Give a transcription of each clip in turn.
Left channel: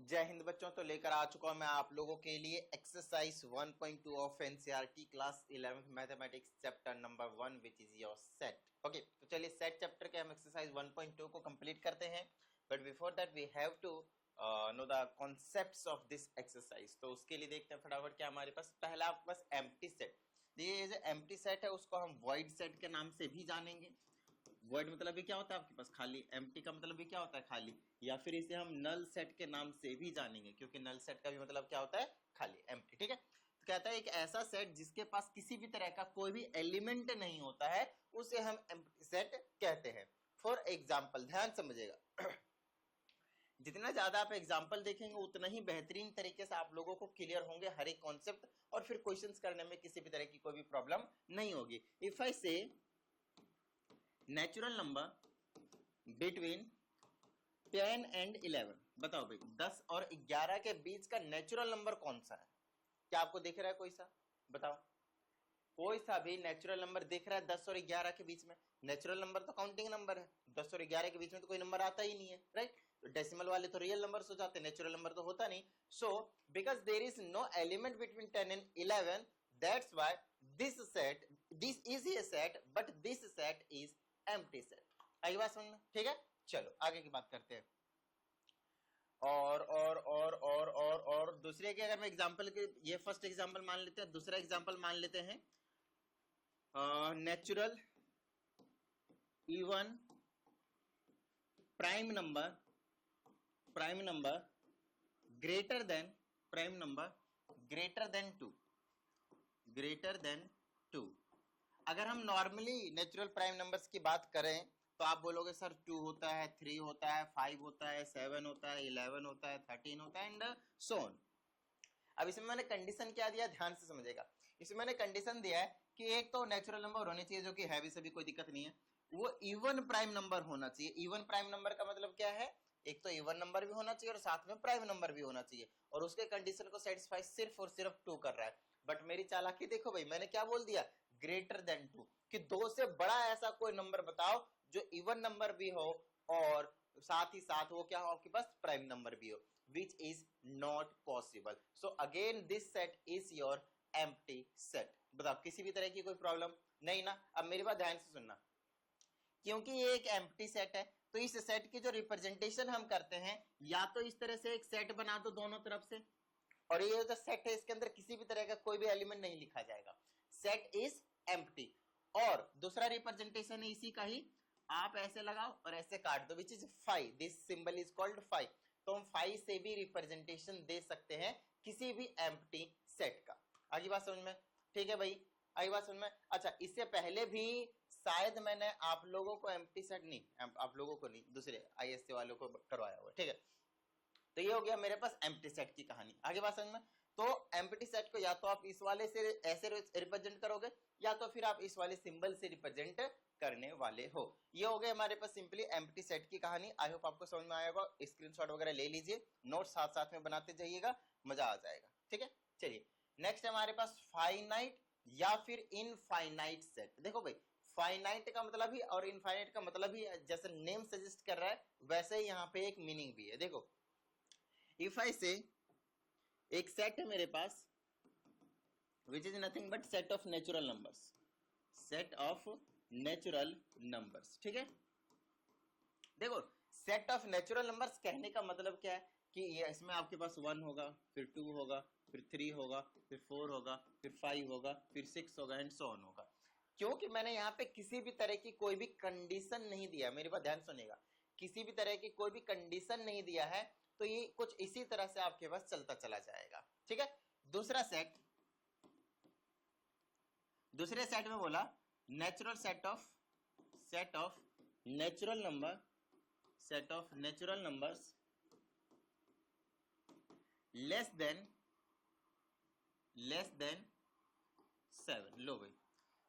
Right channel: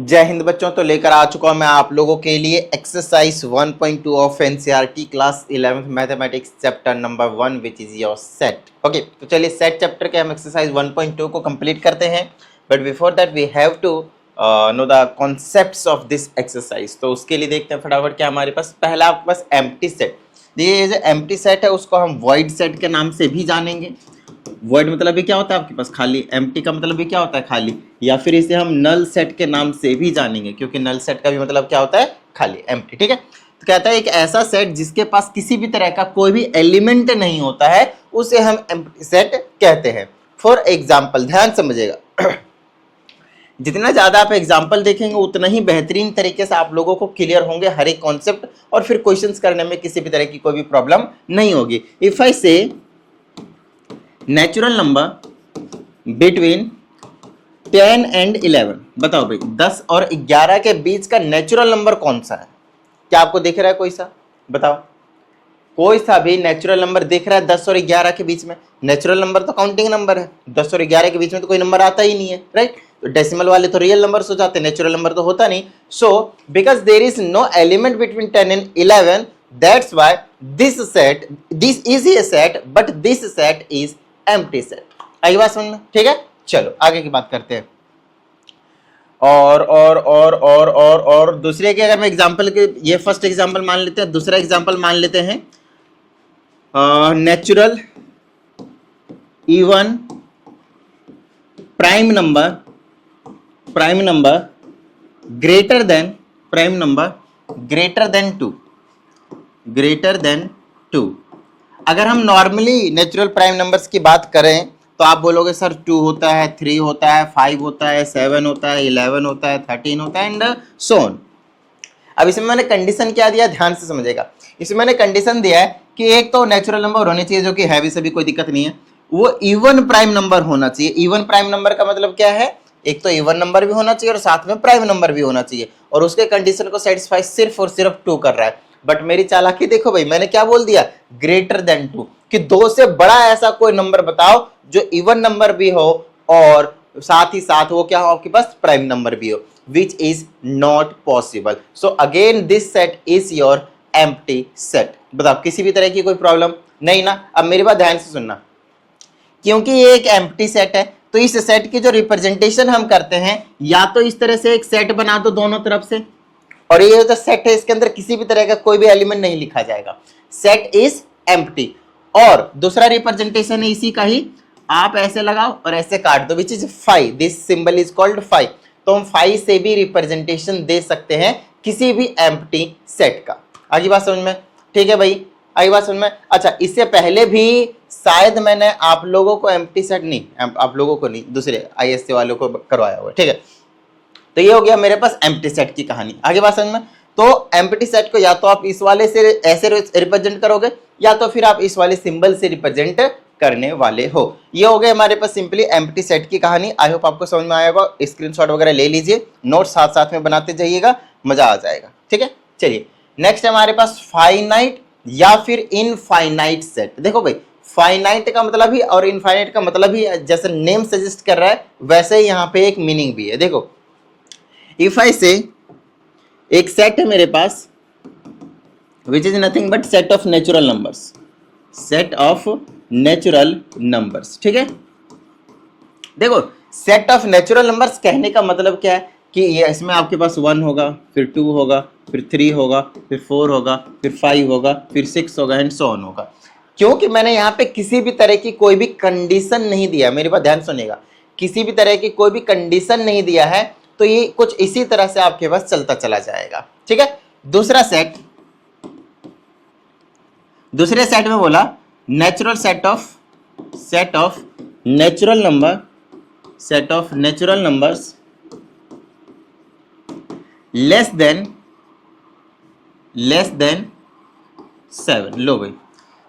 जय हिंद बच्चों। तो लेकर आ चुका हूं मैं आप लोगों के लिए exercise 1.2 of NCERT class 11th mathematics chapter number 1 which is your set. Okay, तो चलिए सेट चैप्टर के हम एक्सरसाइज 1.2 को कंप्लीट करते हैं। But before that we have to know the concepts of this exercise. तो उसके लिए देखते हैं फटाफट क्या हमारे पास। पहला आपके पास एम्प्टी सेट। ये जो एम्प्टी सेट है उसको हम वॉइड सेट के नाम से भी जानेंगे। वर्ड मतलब भी क्या होता है आपके पास खाली, एम्प्टी का मतलब भी क्या होता है खाली, या फिर इसे हम नल सेट के नाम से भी जानेंगे क्योंकि नल सेट का भी मतलब क्या होता है खाली, एम्प्टी। ठीक है, तो कहता है एक ऐसा सेट जिसके पास किसी भी तरह का कोई भी एलिमेंट नहीं होता है उसे हम एम्प्टी सेट कहते हैं। फॉर एग्जाम्पल, ध्यान समझिएगा, जितना ज्यादा आप एग्जाम्पल देखेंगे उतना ही बेहतरीन तरीके से आप लोगों को क्लियर होंगे हर एक कॉन्सेप्ट, और फिर क्वेश्चंस करने में किसी भी तरह की कोई भी प्रॉब्लम नहीं होगी। If I say natural number between 10 and 11, बताओ भाई 10 और 11 के बीच का नेचुरल नंबर कौन सा है? क्या आपको दिख रहा है कोई सा? बताओ, कोई सा भी नेचुरल नंबर दिख रहा है 10 और 11 के बीच में? नेचुरल नंबर तो काउंटिंग नंबर है, 10 और 11 के बीच में तो कोई नंबर आता ही नहीं है, राइट? तो डेसिमल वाले तो रियल नंबर हो जाते हैं, नेचुरल नंबर तो होता नहीं। So because there is no element between 10 and 11, that's why this is a set, but this set is empty set. आई बात समझ में? ठीक है, चलो आगे की बात करते हैं। और दूसरे के अगर मैं एग्जांपल के, ये फर्स्ट एग्जांपल मान लेते हैं, दूसरा एग्जांपल मान लेते हैं natural even prime number greater than 2। अगर हम नॉर्मली नेचुरल प्राइम नंबर्स की बात करें तो आप बोलोगे सर 2 होता है, 3 होता है, 5 होता है, 7 होता है, 11 होता है, 13 होता है एंड सो ऑन। अब इसमें मैंने कंडीशन क्या दिया, ध्यान से समझेगा। इसमें मैंने कंडीशन दिया है कि एक तो नेचुरल नंबर होने चाहिए जो कि है भी, सभी कोई दिक्कत नहीं है, वो इवन प्राइम नंबर होना चाहिए। इवन प्राइम नंबर का मतलब क्या है? एक तो इवन नंबर भी होना चाहिए और साथ में प्राइम नंबर भी होना चाहिए, और उसके कंडीशन को सेटिस्फाई सिर्फ और सिर्फ 2 कर रहा है। बट मेरी चालाकी देखो भाई, मैंने क्या बोल दिया, ग्रेटर देन 2, कि 2 से बड़ा ऐसा कोई नंबर बताओ जो इवन नंबर भी हो और साथ ही साथ वो क्या हो आपके पास, प्राइम नंबर भी हो, which is not possible. So again this set is your empty set. बताओ किसी भी तरह की कोई प्रॉब्लम नहीं ना? अब मेरी बात ध्यान से सुनना, क्योंकि ये एक एम्प्टी सेट है तो इस सेट की जो रिप्रेजेंटेशन हम करते हैं, या तो इस तरह से एक सेट बना दो दोनों तरफ से, और ये जो सेट है इसके अंदर किसी भी तरह का कोई भी एलिमेंट नहीं लिखा जाएगा, सेट इज एम्प्टी। और दूसरा रिप्रेजेंटेशन है इसी का ही, आप ऐसे लगाओ और ऐसे काट दो, which is 5, this symbol is called 5। तो हम 5 से भी रिप्रेजेंटेशन दे सकते हैं किसी भी एम्प्टी सेट का। आगे बात समझ में? ठीक है भाई, आगे बात समझ में? अच्छा, इससे पहले भी शायद मैंने आप लोगों को एम्प्टी सेट नहीं, आप लोगों को नहीं, दूसरे आईएससी वालों को करवाया हुआ है, ठीक है? तो ये हो गया मेरे पास एम्प्टी सेट की कहानी। आगे बात समझ में? तो एम्प्टी सेट को या तो आप इस वाले से ऐसे रिप्रेजेंट करोगे, या तो फिर आप इस वाले सिंबल से रिप्रेजेंट करने वाले हो। ये हो गए हमारे पास सिंपली एम्प्टी सेट की कहानी। आई होप आपको समझ में आया होगा। स्क्रीनशॉट वगैरह ले लीजिए, नोट साथ साथ में बनाते जाइएगा, मजा आ जाएगा। ठीक है, चलिए नेक्स्ट हमारे पास फाइनाइट या फिर इनफाइनाइट सेट। देखो भाई, फाइनाइट का मतलब ही और इनफाइनाइट का मतलब ही जैसे नेम सजेस्ट कर रहा है वैसे ही यहाँ पे एक मीनिंग भी है। देखो, इफ आई से एक सेट है मेरे पास which is nothing but set of natural numbers, set of natural numbers. ठीक है, देखो सेट ऑफ नेचुरल नंबर्स कहने का मतलब क्या है कि ये इसमें आपके पास 1 होगा, फिर 2 होगा, फिर 3 होगा, फिर 4 होगा, फिर 5 होगा, फिर 6 होगा एंड सो ऑन होगा। क्योंकि मैंने यहाँ पे किसी भी तरह की कोई भी कंडीशन नहीं दिया, मेरी बात ध्यान सुनिएगा, किसी भी तरह की कोई भी कंडीशन नहीं दिया है, तो ये कुछ इसी तरह से आपके पास चलता चला जाएगा। ठीक है, दूसरे सेट में बोला natural set of natural numbers less than 7। लो भाई,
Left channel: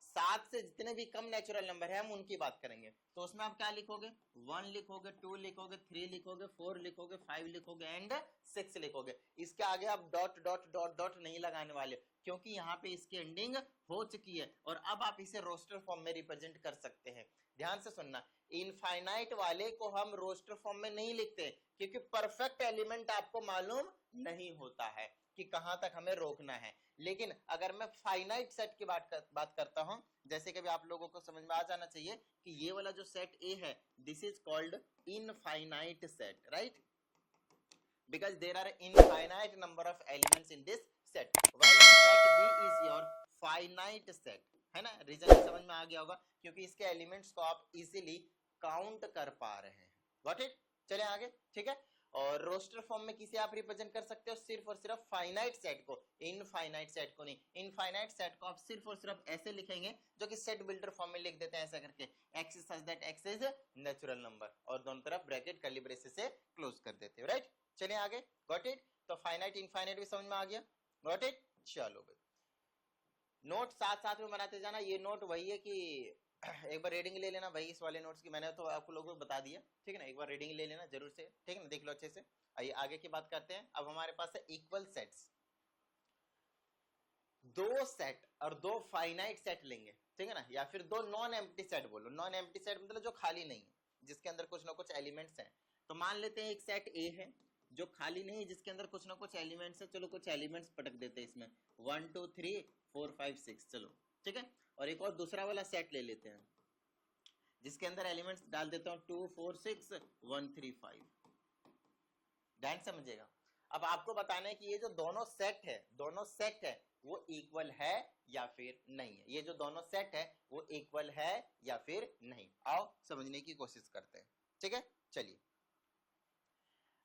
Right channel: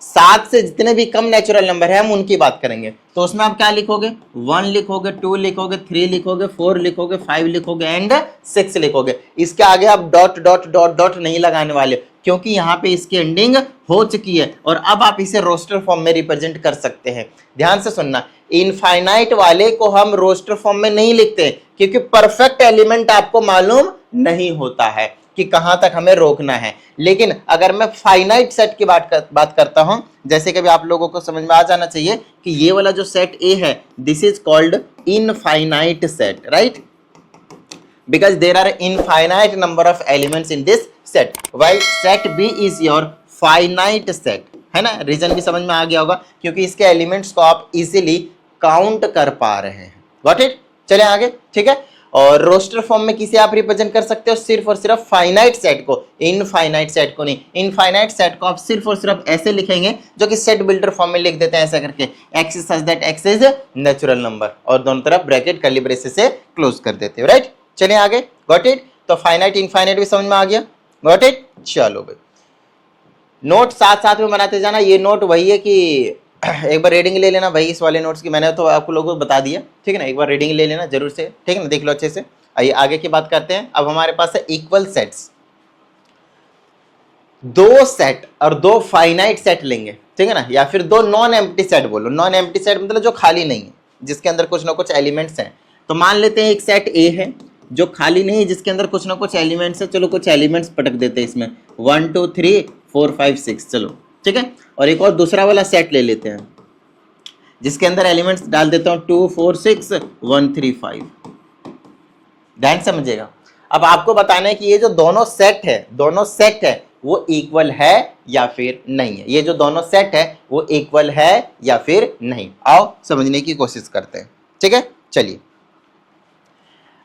7 से जितने भी कम नेचुरल नंबर है हम उनकी बात करेंगे। तो उसमें आप क्या लिखोगे, 1 लिखोगे, 2 लिखोगे, 3 लिखोगे, 4 लिखोगे, 5 लिखोगे एंड 6 लिखोगे। इसके आगे आप डॉट डॉट डॉट डॉट नहीं लगाने वाले, क्योंकि यहाँ पे इसकी एंडिंग हो चुकी है और अब आप इसे रोस्टर फॉर्म में रिप्रेजेंट कर सकते हैं। ध्यान से सुनना, इनफाइनाइट वाले को हम रोस्टर फॉर्म में नहीं लिखते क्योंकि परफेक्ट एलिमेंट आपको मालूम नहीं होता है कि कहां तक हमें रोकना है। लेकिन अगर मैं फाइनाइट सेट की बात करता हूं, जैसे कि अभी आप लोगों को समझ में आ जाना चाहिए कि ये वाला जो सेट ए है, this is called infinite set, right, because there are infinite number of elements in this set, while set B is your finite set, है ना। रीजन भी समझ में आ गया होगा क्योंकि इसके एलिमेंट्स को आप इजीली काउंट कर पा रहे हैं। Got it. चले आगे, ठीक है। और रोस्टर फॉर्म में किसे आप रिप्रेजेंट कर सकते हो? सिर्फ और सिर्फ फाइनाइट सेट को, इनफाइनाइट सेट को नहीं। इनफाइनाइट सेट को आप सिर्फ और सिर्फ ऐसे लिखेंगे जो कि सेट बिल्डर फॉर्म में लिख देते हैं ऐसा करके, x such that x is natural number, और दोनों तरफ ब्रैकेट कर्ली ब्रेसेस से क्लोज कर देते हो, राइट। चलिए आगे, गॉट इट। तो फाइनाइट इनफाइनाइट भी समझ में आ गया, गॉट इट। चलो भाई, नोट साथ साथ में बनाते जाना। ये नोट वही है कि एक बार रीडिंग ले लेना भाई इस वाले नोट्स की, मैंने तो आपको लोगों को बता दिया, ठीक है ना। एक बार रीडिंग ले लेना जरूर से, ठीक है ना, देख लो अच्छे से। आइए आगे की बात करते हैं। अब हमारे पास है इक्वल सेट्स, दो सेट और दो फाइनाइट सेट लेंगे, ठीक है ना, या फिर दो नॉन एम्प्टी सेट बोलो। नॉन एम्प्टी सेट मतलब जो खाली नहीं है, जिसके अंदर कुछ ना कुछ एलिमेंट्स हैं। तो मान लेते हैं एक सेट ए है जो खाली नहीं है, जिसके अंदर कुछ ना कुछ एलिमेंट्स है। चलो कुछ एलिमेंट्स पटक देते हैं इसमें, 1 2 3 4 5 6, चलो ठीक है। और एक और दूसरा वाला सेट ले लेते हैं जिसके अंदर एलिमेंट्स डाल देता हूँ 2 4 6 1 3 5। ध्यान समझिएगा। अब आपको बताना है कि ये जो दोनों सेट है वो इक्वल है या फिर नहीं है। ये जो दोनों सेट है वो इक्वल है या फिर नहीं। आओ समझने की कोशिश करते हैं, ठीक है। चलिए,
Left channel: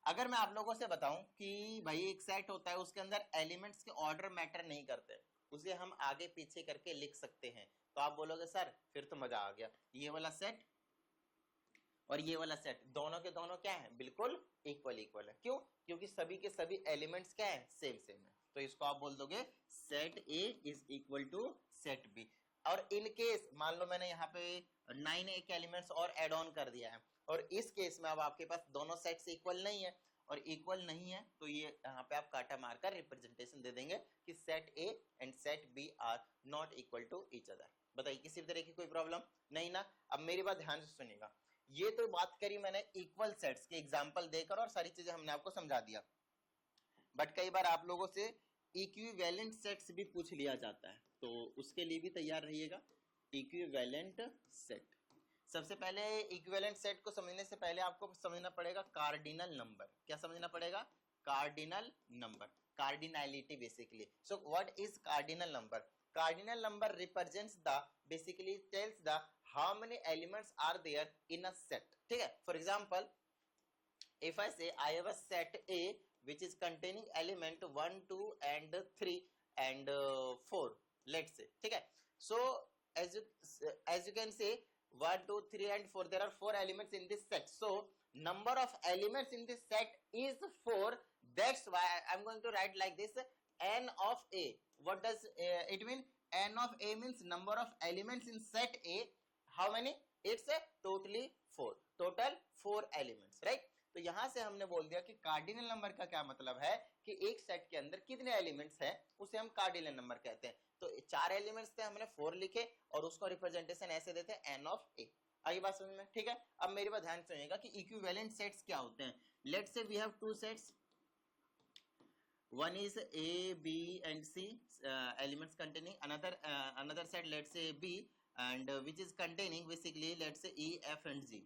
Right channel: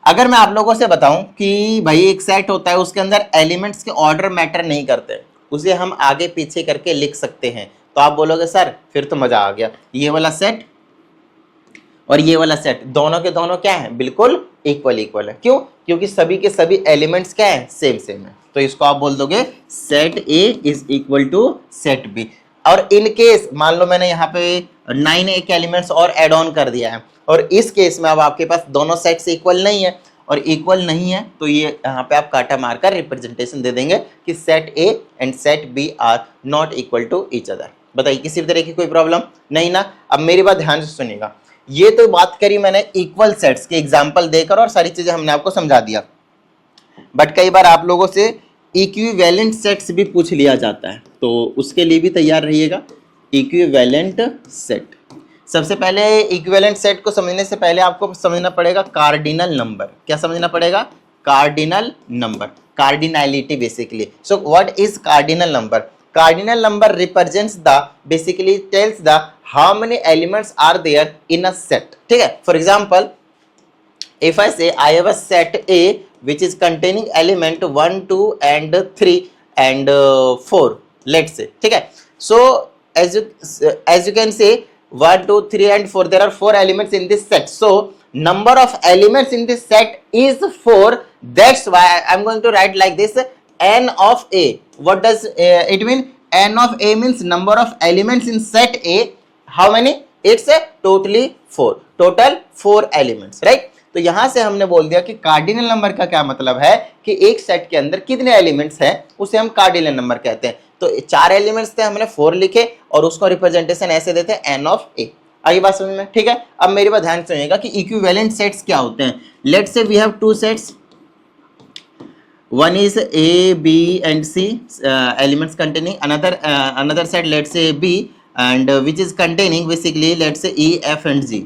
अगर मैं आप लोगों से बताऊं कि भाई एक सेट होता है, उसके अंदर एलिमेंट्स के ऑर्डर मैटर नहीं करते, उसे हम आगे पीछे करके लिख सकते हैं, तो आप बोलोगे सर फिर तो मजा आ गया, ये वाला सेट और ये वाला सेट दोनों के दोनों क्या है? बिल्कुल इक्वल है। क्यों? क्योंकि सभी के सभी एलिमेंट्स क्या है? सेम है। तो इसको आप बोल दोगे set A is equal to set B. और इन केस मान लो मैंने यहाँ पे 9 एक एलिमेंट्स और एड ऑन कर दिया है, और इस केस में अब आपके पास दोनों सेट्स इक्वल नहीं है, और इक्वल नहीं है तो ये यहाँ पे आप काटा मारकर रिप्रेजेंटेशन दे देंगे कि set A and set B are not equal to each other. बताइए किसी भी तरह की कोई प्रॉब्लम नहीं ना। अब मेरी बात ध्यान से सुनिएगा, ये तो बात करी मैंने इक्वल सेट्स के एग्जाम्पल देकर, और सारी चीजें हमने आपको समझा दिया। बट कई बार आप लोगों से इक्विवेलेंट सेट्स भी पूछ लिया जाता है, तो उसके लिए भी तैयार रहिएगा। इक्विवेलेंट सेट, सबसे पहले इक्विवेलेंट सेट को समझने से पहले आपको समझना पड़ेगा कार्डिनल नंबर। क्या समझना पड़ेगा? Cardinal number, cardinality basically. So what is cardinal number? Cardinal number represents the basically tells the how many elements are there in a set. ठीक है। For example, if I say I have a set A which is containing element 1 2 and 3 and 4, let's say, ठीक है। So as you can say 1 2 3 and 4, there are 4 elements in this set. So number of elements in this set is 4. That's why I'm going to write like this, n of A. What does it mean? N of A means number of elements in set A. How many? It's a totally 4. Total 4 elements, right? तो यहां से हमने बोल दिया कि cardinal number का क्या मतलब है कि एक सेट के अंदर कितने एलिमेंट्स हैं उसे हम कार्डिनल नंबर कहते हैं। तो 4 एलिमेंट्स थे, हमने 4 लिखे और उसको रिप्रेजेंटेशन ऐसे देते हैं n of A। आगे बात समझ में, ठीक है। अब मेरी बात ध्यान सुनिएगा कि इक्विवेलेंट सेट्स क्या होते हैं। Let's say we have 2 sets, one is A, B and C elements containing another set, let's say B, and which is containing basically let's say E, F and G।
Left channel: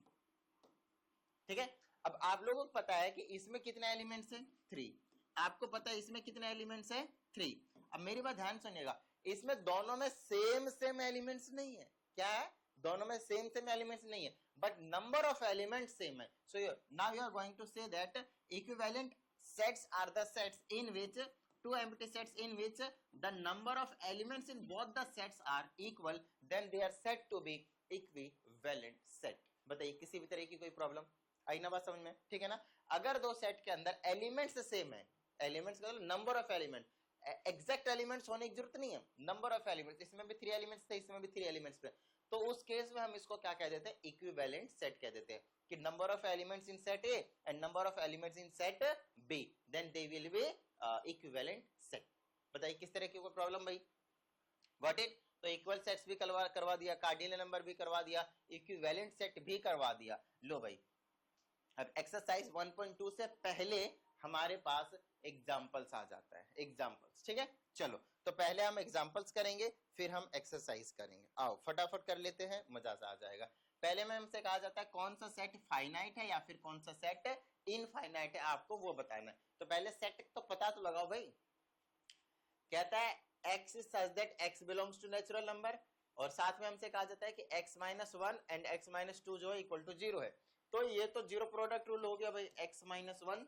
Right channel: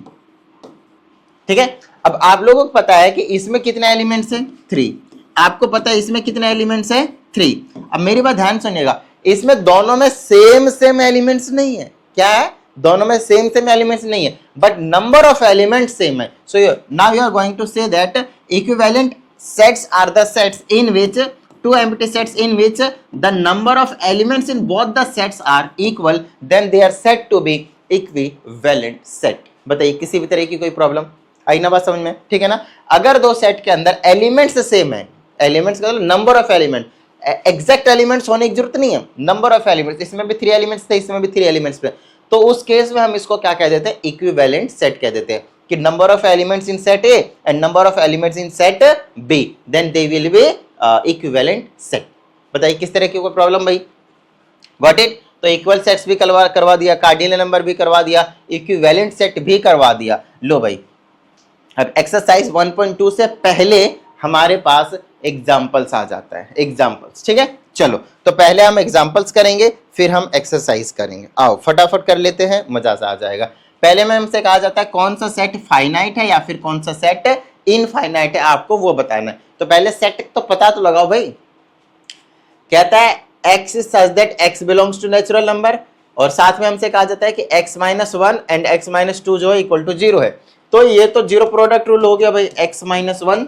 ठीक है। अब आप लोगों को पता है कि इसमें कितने एलिमेंट्स हैं? 3। आपको पता है इसमें कितने एलिमेंट्स हैं? 3। अब मेरी बात ध्यान सुनिएगा, इसमें दोनों में सेम एलिमेंट्स नहीं है। क्या है? दोनों में सेम एलिमेंट्स नहीं है, but number of elements same है। So now you are going to say that equivalent sets are the sets in which two empty sets in which the number of elements in both the sets are equal, then they are said to be equivalent set। बताइए किसी भी तरह की कोई problem आई ना बात समझ में, ठीक है ना। अगर दो सेट के अंदर एलिमेंट्स सेम है, एलिमेंट्स का मतलब number of element, exact elements होने की जरूरत नहीं है, नंबर ऑफ एलिमेंट्स, इसमें भी 3 एलिमेंट्स थे, इसमें भी 3 एलिमेंट्स थे, तो उस केस में हम इसको क्या कह देते हैं? इक्विवेलेंट सेट कह देते हैं कि number of elements in set A and number of elements in set B, then they will be equivalent set. बताइए किस तरह की कोई प्रॉब्लम भाई? Got it. तो इक्वल सेट्स भी करवा दिया, कार्डिनल नंबर भी करवा दिया, इक्विवेलेंट सेट भी करवा दिया। लो भाई, अब एक्सरसाइज 1.2 से पहले हमारे पास एग्जाम्पल्स आ जाता है, एग्जाम्पल्स, ठीक है। चलो तो पहले हम एग्जाम्पल्स करेंगे, फिर हम एक्सरसाइज करेंगे। आओ फटाफट कर लेते हैं, मजा सा आ जाएगा। पहले में हमसे कहा जाता है कौन सा सेट फाइनाइट है या फिर कौन सा सेट इनफाइनाइट है, आपको वो बताना है। तो पहले सेट तो पता तो लगाओ भाई। कहता है x such that x belongs to natural number, और साथ में हमसे कहा जाता है कि x minus 1 and x minus 2 जो है इक्वल टू 0 है। तो ये तो जीरो प्रोडक्ट रूल हो गया भाई, x minus 1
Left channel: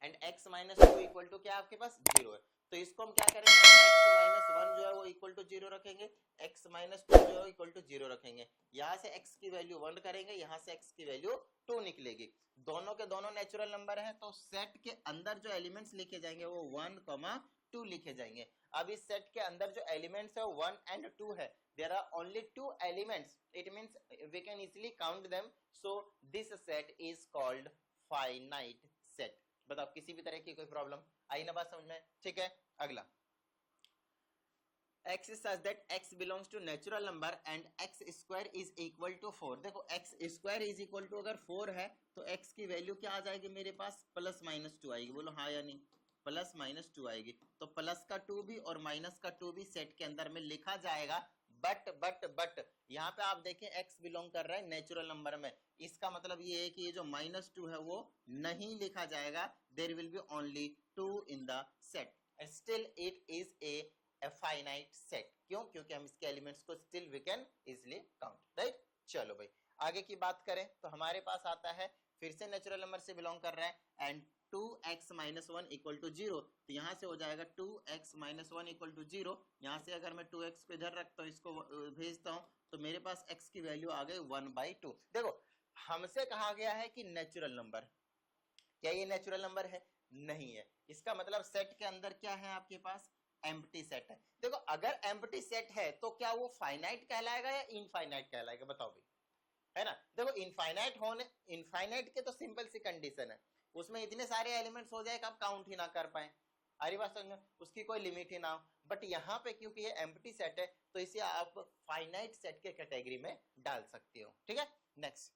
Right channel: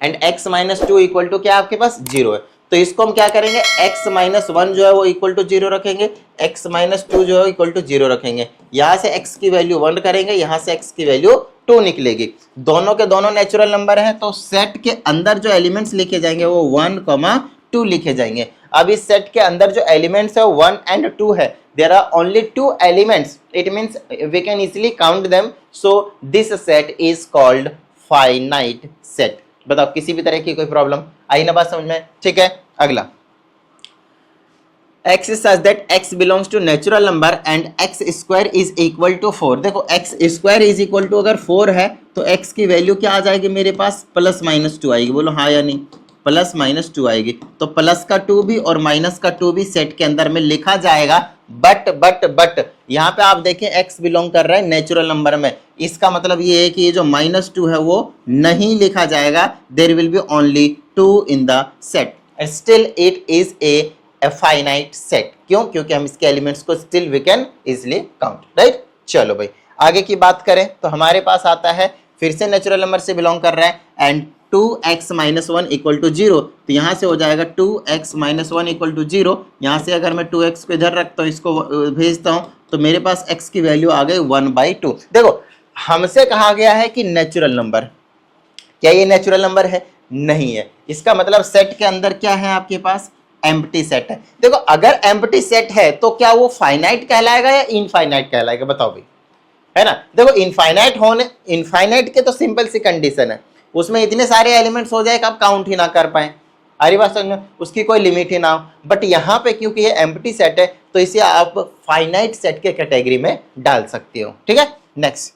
and x minus 2 equal to क्या आपके पास 0 है। तो इसको हम क्या करेंगे, x माइनस 1 जो है वो इक्वल टू 0 रखेंगे, x माइनस 2 जो है इक्वल टू 0 रखेंगे। यहां से x की वैल्यू 1 करेंगे, यहां से x की वैल्यू 2 निकलेगी। दोनों के दोनों नेचुरल नंबर है, तो सेट के अंदर जो एलिमेंट्स लिखे जाएंगे वो 1, 2 लिखे जाएंगे। अब इस सेट के अंदर जो एलिमेंट्स है 1 एंड 2 है, there are only 2 elements, it means we can easily count them, so this set is called finite set। बताओ किसी भी तरह की कोई प्रॉब्लम आई ना बात समझ में, ठीक है। अगला x is such that x belongs to natural number and x square is equal to 4। देखो x square is equal to अगर 4 है तो x की वैल्यू क्या आ जाएगी मेरे पास, प्लस माइनस 2 आएगी। बोलो हाँ या नहीं, प्लस माइनस 2 आएगी। तो प्लस का 2 भी और माइनस का 2 भी सेट के अंदर में लिखा जाएगा। बट यहाँ पे आप देखें x बिलोंग कर रहा है नेचुरल नंबर में, इसका मतलब ये है कि ये जो माइनस 2 है वो नहीं लिखा जाएगा, there will be only 2 in the set, still it is a finite set. क्यों? क्योंकि हम इसके एलिमेंट्स को still we can easily count, right. चलो भाई आगे की बात करें तो हमारे पास आता है, फिर से नेचुरल नंबर से बिलोंग कर रहा है, and 2x minus 1 equal to 0। तो यहाँ से हो जाएगा 2x माइनस 1 इक्वल टू 0। यहाँ से अगर मैं 2x को इधर रखता हूँ, इसको भेजता हूँ, तो मेरे पास x की वैल्यू आ गई 1/2। देखो हमसे कहा गया है कि नेचुरल नंबर, क्या ये नेचुरल नंबर है? नहीं है। इसका मतलब सेट के अंदर क्या है आपके पास, एम्प्टी सेट है। देखो अगर एम्प्टी सेट है तो क्या वो फाइनाइट कहलाएगा या इनफाइनाइट कहलाएगा, बताओ भाई, है ना। देखो इनफाइनाइट होने, इनफाइनाइट के तो सिंपल सी कंडीशन है, उसमें इतने सारे एलिमेंट्स हो जाए कि आप काउंट ही ना कर पाए, अरे बात समझ में, उसकी कोई लिमिट ही ना हो। बट यहाँ पे क्योंकि ये एम्प्टी सेट है तो इसे आप फाइनाइट सेट के कैटेगरी में डाल सकते हो, ठीक है। नेक्स्ट,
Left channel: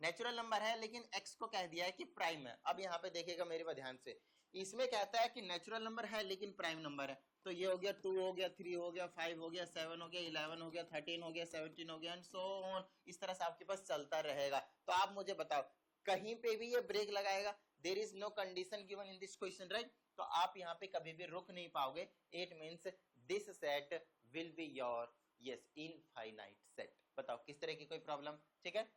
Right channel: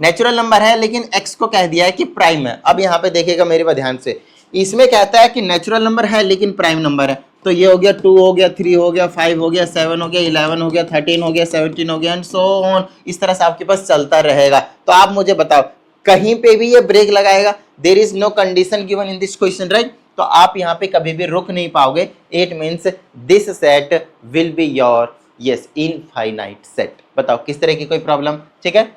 नेचुरल नंबर है लेकिन x को कह दिया है कि प्राइम है। अब यहाँ पे देखिएगा मेरे पर ध्यान से, इसमें कहता है कि नेचुरल नंबर है लेकिन प्राइम नंबर है। तो ये हो गया 2 हो गया, 3 हो गया, 5 हो गया, 7 हो गया, 11 हो गया, 13 हो गया, 17 हो गया एंड सो ऑन। इस तरह से आपके पास चलता रहेगा। तो आप मुझे बताओ कहीं पे भी ये ब्रेक लगाएगा, there is no condition given in this question, right. तो आप यहाँ पे कभी भी रुक नहीं पाओगे। It means this set will be your yes infinite set. बताओ किस तरह की कोई प्रॉब्लम, ठीक है।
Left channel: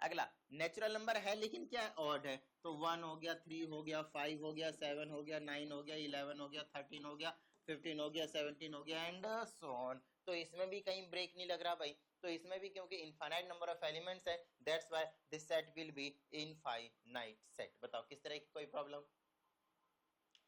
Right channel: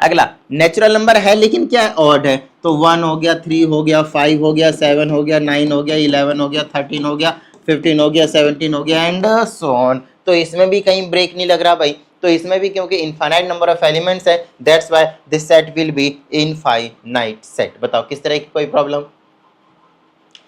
अगला, नेचुरल नंबर है लेकिन क्या है, ऑड है। तो 1 हो गया, 3 हो गया, 5 हो गया, 7 हो गया, 9 हो गया, 11 हो गया, 13 हो गया, 15 हो गया, 17 हो गया एंड सो ऑन। तो इसमें भी कहीं ब्रेक नहीं लग रहा भाई। तो इसमें भी क्योंकि इनफाइनाइट नंबर ऑफ एलिमेंट्स है, that's why this set will be infinite set. बताओ किस तरह की कोई प्रॉब्लम,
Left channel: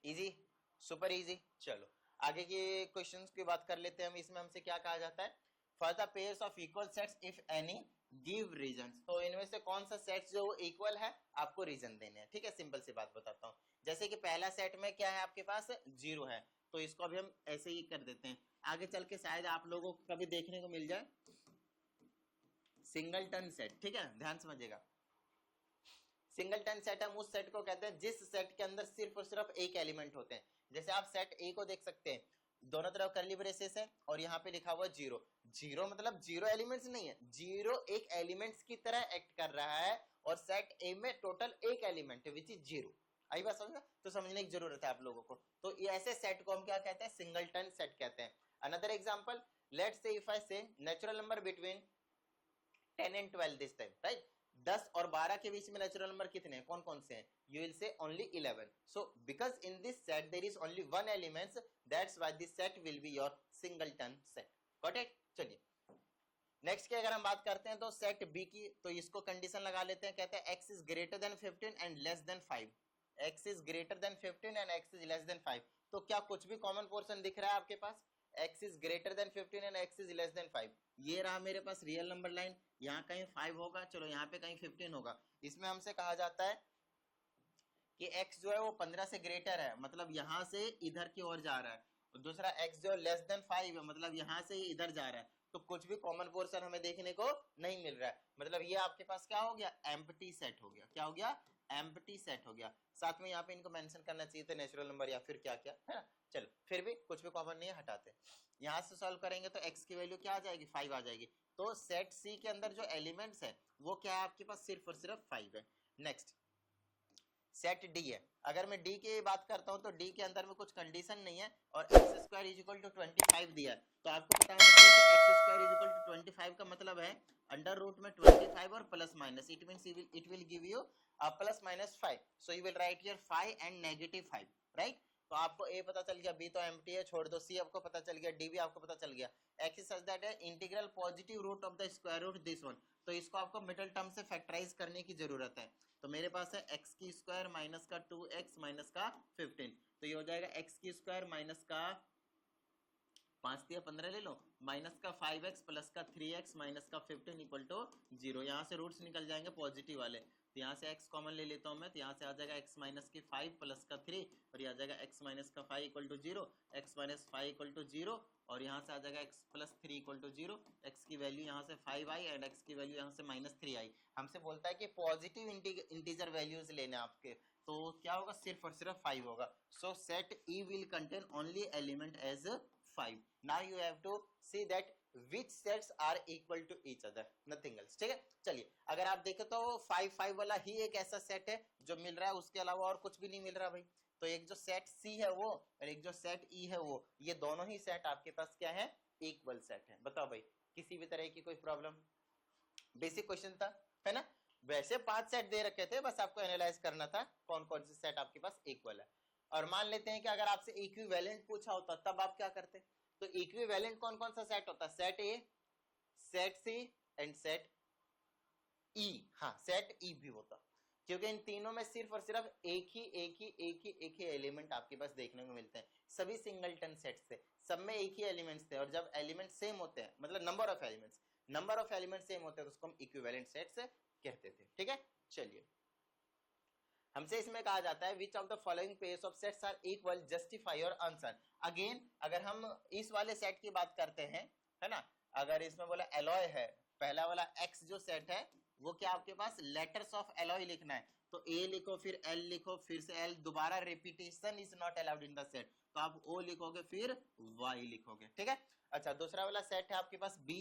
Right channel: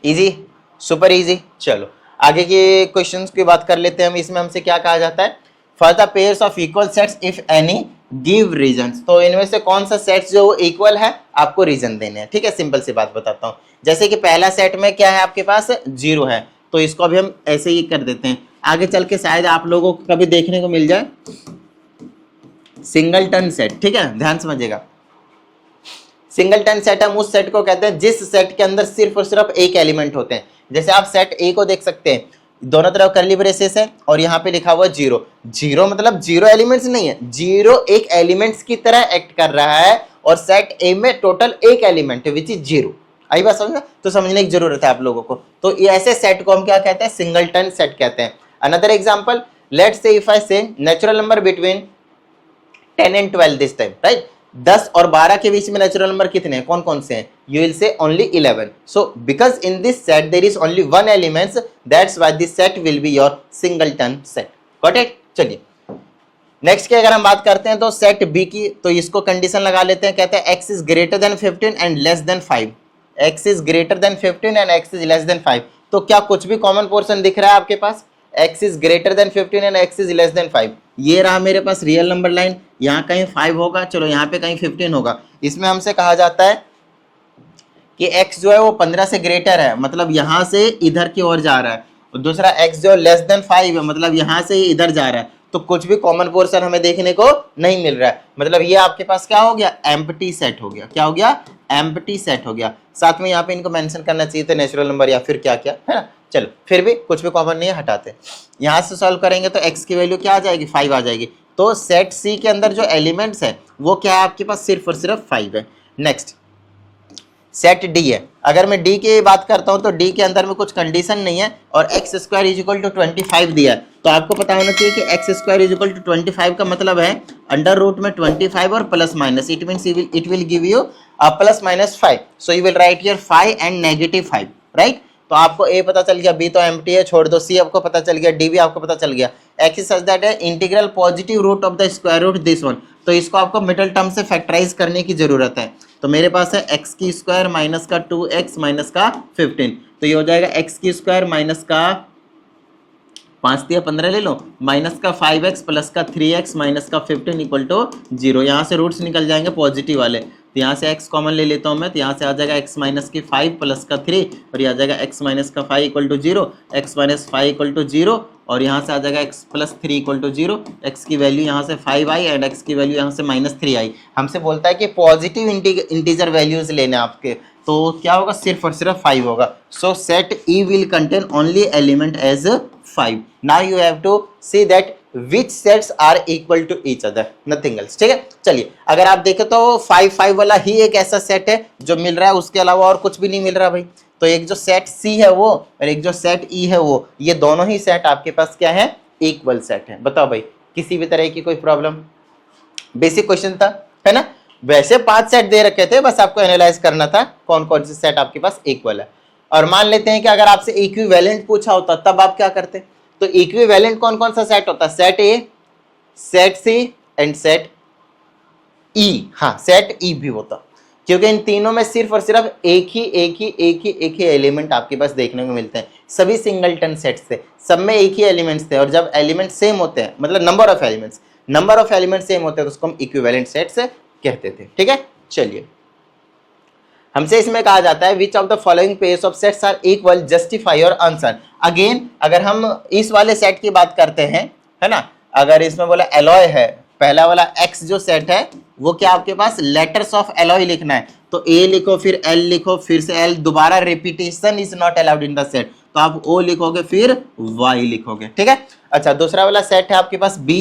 इजी, सुपर इजी। चलो आगे के क्वेश्चंस की बात कर लेते हैं हम। इसमें हमसे क्या कहा जाता है, for the pairs of equal sets if any give reasons. तो इनमें से कौन सा सेट्स जो इक्वल है आपको रीजन देने हैं, ठीक है। सिंपल सी बात बताता हूँ, जैसे कि पहला सेट में क्या है आपके पास 0 है, तो इसको अभी हम ऐसे ही कर देते हैं। आगे चल के शायद आप लोगों को कभी देखने को मिल जाए सिंगलटन सेट, ठीक है, ध्यान समझिएगा। सिंगलटन सेट हम उस सेट को कहते हैं जिस सेट के अंदर सिर्फ और सिर्फ एक एलिमेंट होते हैं। जैसे आप सेट ए को देख सकते हैं, दोनों तरफ करली ब्रेसेस है और यहाँ पे लिखा हुआ 0। 0 मतलब 0 एलिमेंट्स नहीं है, 0 एक एलिमेंट्स की तरह एक्ट कर रहा है और सेट ए में टोटल एक एलिमेंट है विच इज 0। आई बात समझ में, तो समझने की जरूरत है आप लोगों को। तो ये ऐसे सेट को हम क्या कहते हैं, सिंगलटन सेट कहते हैं। Another example, let's say if I say natural number between 10 and 12 this time, right. 10 और 12 के बीच में नेचुरल नंबर कितने हैं, कौन कौन से हैं, you will say only 11. So because in this set there is only one elements, that's why this set will be your singleton set. Got it? चलिए नेक्स्ट की अगर हम बात करते हैं तो सेट बी की, तो इसको कंडीशन लगा लेते हैं। कहते हैं x is greater than 15 and less than 5. x is greater than 15 and x is less than 5. तो क्या कुछ भी कॉमन पोर्शन दिख रहा है आपके पास, x is greater than 15 and x is less than 5। ये रहा मेरे पास रियल नंबर लाइन, यहाँ कहीं 5 होगा, चलो यहाँ पे कहीं 15 होगा। इसमें हमसे कहा जाता है कि x जो है वो 15 से ग्रेटर है, मतलब यहाँ से इधर की ओर जा रहा है, और दूसरा x जो लेस देन 5 है, मतलब यहाँ से इधर जा रहा है। तो कुछ भी कॉमन पोर्शन हमें देखने को नहीं मिल रहा है, मतलब ये आपके पास क्या हो गया, एम्प्टी सेट हो गया। क्या हो गया, एम्प्टी सेट हो गया। साथ में यहाँ पे इनको मेंशन करना चाहिए था नेचुरल नंबर या फिर क्या क्या, है ना। चलो फिर भी कुछ भी कॉमन नहीं है, हटाते। यहाँ से सॉल्व करेंगे तो x की वैल्यू क्या आ जाएगी, 5 आ जाएगी। तो सेट सी के अंदर जो एलिमेंट्स है वो क्या है आपके पास, सिर्फ और सिर्फ 5 है। नेक्स्ट सेट डी है। अगर मैं डी की बात करता हूं तो डी के अंदर में कुछ कंडीशन नहीं है और x square is equal to 25 दिया है, तो आपको पता होना चाहिए कि x square is equal to 25 का मतलब है अंडर रूट में 25 और plus minus, it means it will give you plus minus 5, so you will write here 5 and -5, right. तो आपको ए पता चल गया, बी तो एम्प्टी है, छोड़ दो, सी आपको पता चल गया, डी भी आपको पता चल गया। एक्स सच दैट है integral positive root of the square root this one, तो इसको आपको मिडिल टर्म से फैक्टराइज करने की जरूरत है। तो मेरे पास है एक्स की स्क्वायर माइनस का 2x माइनस का 15, तो ये हो जाएगा एक्स की स्क्वायर माइनस का 5 दिया 15 ले लो, माइनस का 5x प्लस का 3x माइनस का 15 इक्वल टू 0। यहाँ से रूट्स निकल जाएंगे पॉजिटिव वाले, तो यहाँ से x कॉमन ले लेता हूँ मैं, तो यहाँ से आ जाएगा x माइनस की 5 प्लस का 3 और ये आ जाएगा x माइनस का 5 equal to 0, x minus 5 equal to 0 और यहाँ से आ जाएगा x plus 3 equal to 0। x की वैल्यू यहाँ से 5 आई एंड x की वैल्यू यहाँ से -3 आई। हमसे बोलता है कि पॉजिटिव इंटीजर वैल्यूज लेने आपके, तो क्या होगा, सिर्फ और सिर्फ 5 होगा। So set E will contain only element as 5। Now you have to see that which sets are equal to each other, nothing else, ठीक है। चलिए अगर आप देखें तो 5 5 वाला ही एक ऐसा सेट है जो मिल रहा है, उसके अलावा और कुछ भी नहीं मिल रहा भाई। तो एक जो सेट C है वो और एक जो सेट E है वो, ये दोनों ही सेट आपके पास क्या है, इक्वल सेट है। बताओ भाई, किसी भी तरह की कोई प्रॉब्लम? बेसिक क्वेश्चन था, है ना। वैसे 5 सेट दे रखे थे, बस आपको एनालाइज करना था कौन कौन से सेट आपके पास इक्वल है। और मान लेते हैं कि अगर आपसे इक्विवेलेंट पूछा होता तब आप क्या करते? तो इक्विवेलेंट कौन कौन सा सेट होता है? Set A, set C and set E. हाँ, सेट ई भी होता, क्योंकि इन तीनों में सिर्फ और सिर्फ एक ही एलिमेंट आपके पास देखने को मिलते हैं। सभी सिंगलटन सेट थे, सब में एक ही एलिमेंट्स थे, और जब एलिमेंट सेम होते हैं, मतलब नंबर ऑफ एलिमेंट्स सेम होते हैं, तो उसको हम इक्विवेलेंट सेट्स कहते थे। ठीक है, चलिए हमसे इसमें कहा जाता है which of the following pairs of sets are equal, justify your answer. Again अगर हम इस वाले सेट की बात करते हैं, है ना, अगर इसमें बोला एलॉय है, पहला वाला एक्स जो सेट है वो क्या आपके पास लेटर्स ऑफ एलॉय लिखना है, तो ए लिखो फिर एल लिखो फिर से एल, दोबारा repetition is not allowed in the set, तो आप ओ लिखोगे फिर वाई लिखोगे। ठीक है, अच्छा दूसरा वाला सेट है आपके पास बी।